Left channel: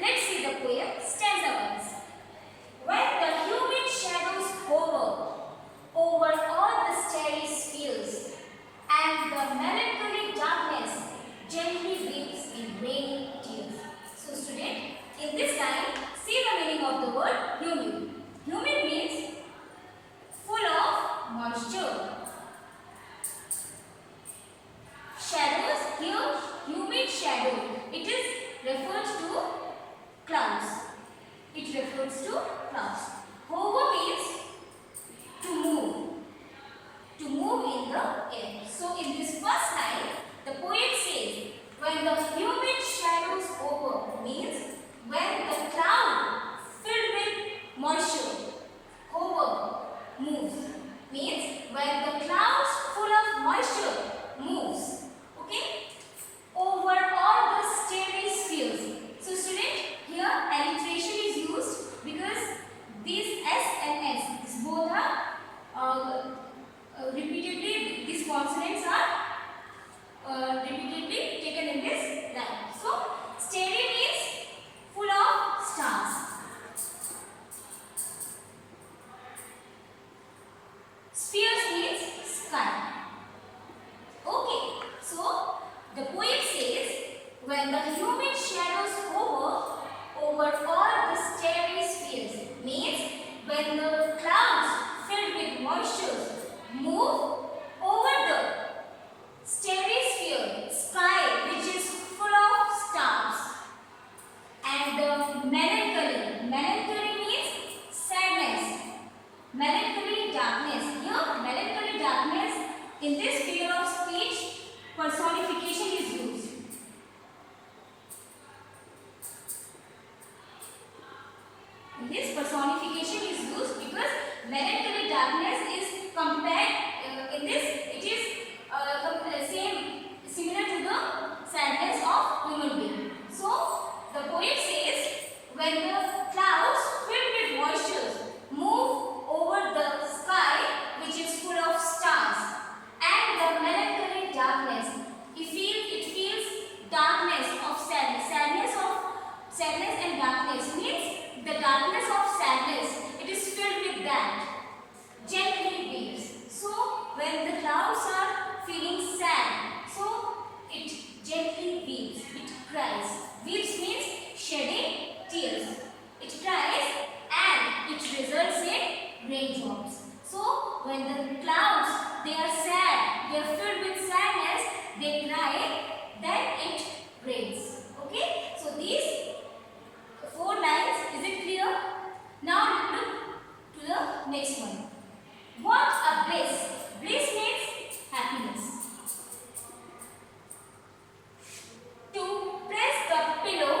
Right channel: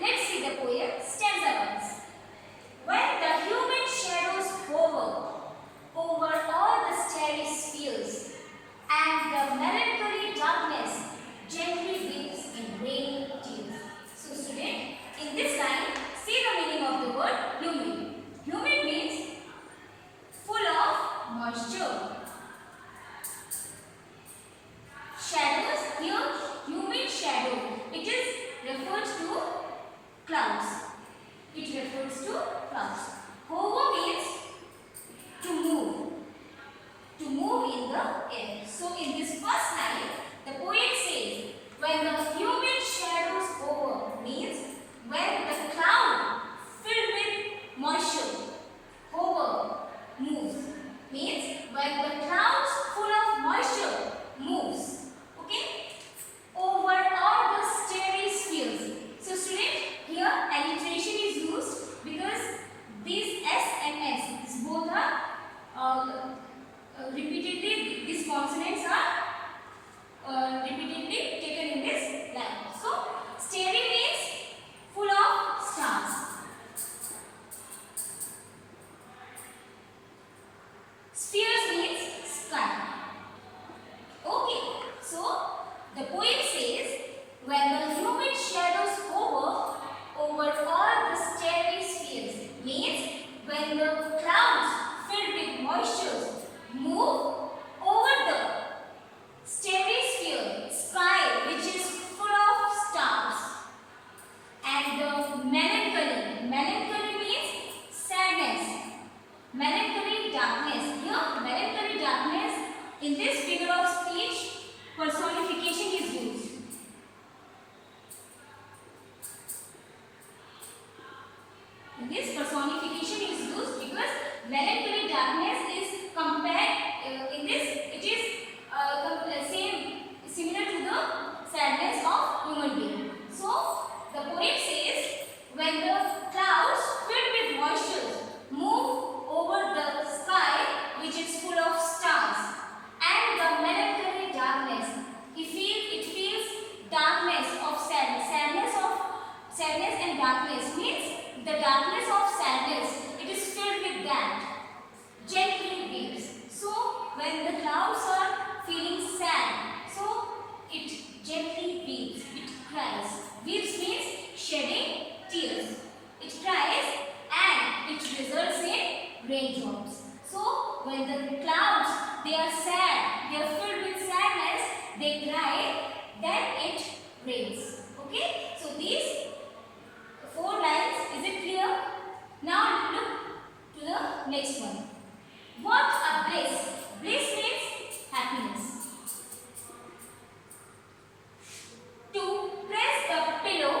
Let's see the poem stanza wise. When the human shadows hover over all the starry spheres, and the melancholy darkness gently weeps in rainy tears. So student, in this line, see the meaning of the word humid. Humid means full of moisture. Shadows, here humid shadow, it is referred to clouds. It refers to clouds. Hover means to move in the air. So in this first line, the poet says, when the humid shadows over means when the cloud filled with moisture, hover, moves, means when the clouds full of moisture moves, okay, over all the starry spheres. So student, here alliteration is used because these S and S, these both are repeatedly, these consonants are repeatedly taken in this line. So starry means full of stars. Spheres means sky. Okay, so the poet says, when the humid shadows hover over all the starry spheres, means when the clouds filled with moisture move over the starry sphere, sky which is full of stars, and the melancholy means sadness, melancholy darkness. Here melancholy darkness, in this figure of speech, personification is used. This personification is used because melancholy darkness is compared in this, it is similar to the sadness of human being. So the poet says, when the clouds filled with moisture move over the sky which is full of stars, and the melancholy darkness, it feels darkness of sadness and darkness means the darkness of sadness, it is filled with that, gently weeps. So when the clouds are feeling sad, so it gently weeps, it cries. Weeps means shedding tears. It cries and it results in raindrops. So when the clouds, they are sad, they are filled with sadness, they cry, then it rains. Okay, so these 4 lines, is it clear? Now look to the next one. What a bliss! Bliss means happiness. To press the pillow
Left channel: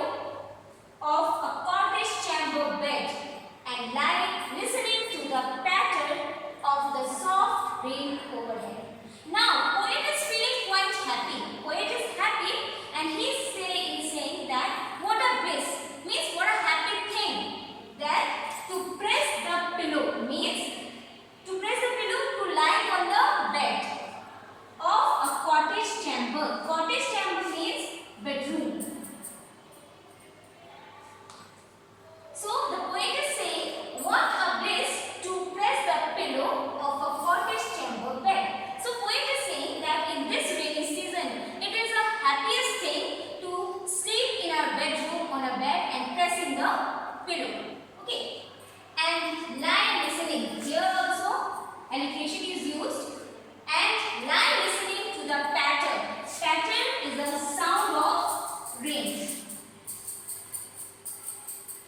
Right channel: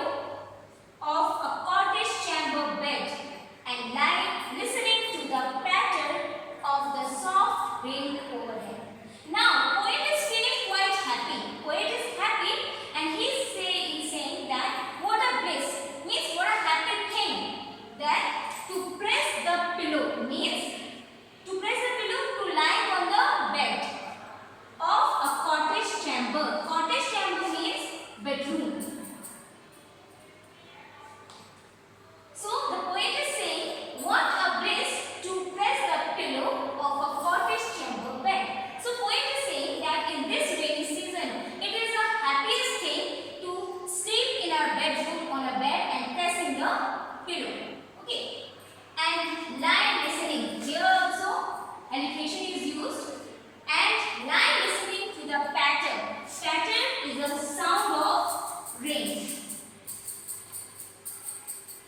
of a cottage chamber bed and lie listening to the patter of the soft rain overhead. Now, poet is feeling quite happy. Poet is happy and he's saying that what a bliss means what a happy thing. That to press the pillow means to press the pillow to lie on the bed of a cottage chamber. Cottage chamber means bedroom. So the poet is saying, what a bliss to press the pillow of a cottage chamber bed. So poet is saying that in this rainy season, it is the happiest thing to sleep in our bedroom on a bed and pressing the pillow. Okay. And lie listening. Here also alliteration is used. And lie listening to the patter. Patter is the sound of rain.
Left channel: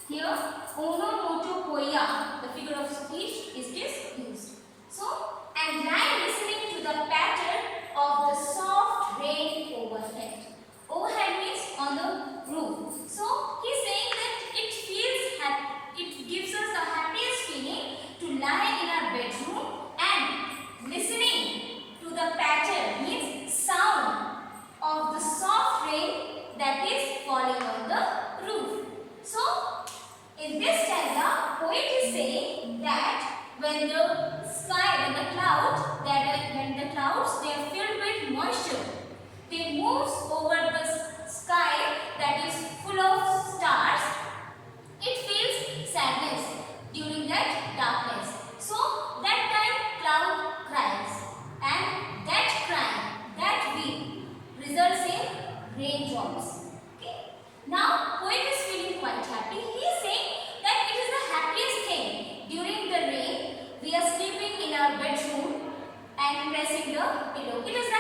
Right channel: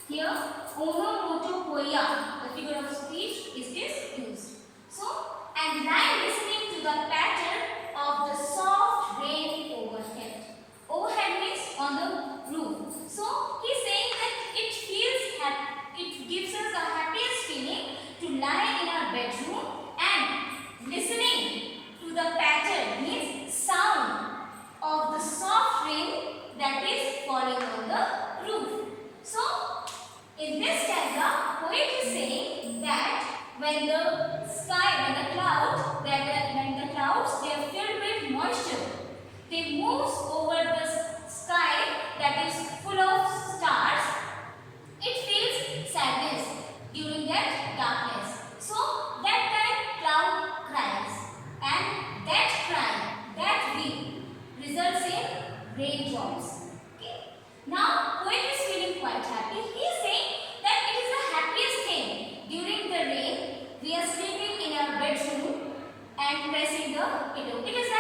Here, onomatopoeia, the figure of speech, is used. So, and lie listening to the patter of the soft rain overhead. Overhead means on the roof. So, he is saying that it feels happy. It gives us the happiest feeling to lie in our bedroom and listening to the patter means sound of the soft rain that is falling on the roof. So, in this stanza, poet is saying that when the clouds, they are filled with moisture, they move over the sky that is full of stars, happy. He is saying that it is the happiest thing. During the rain, we are sleeping in our bedroom and pressing the pillow. It is the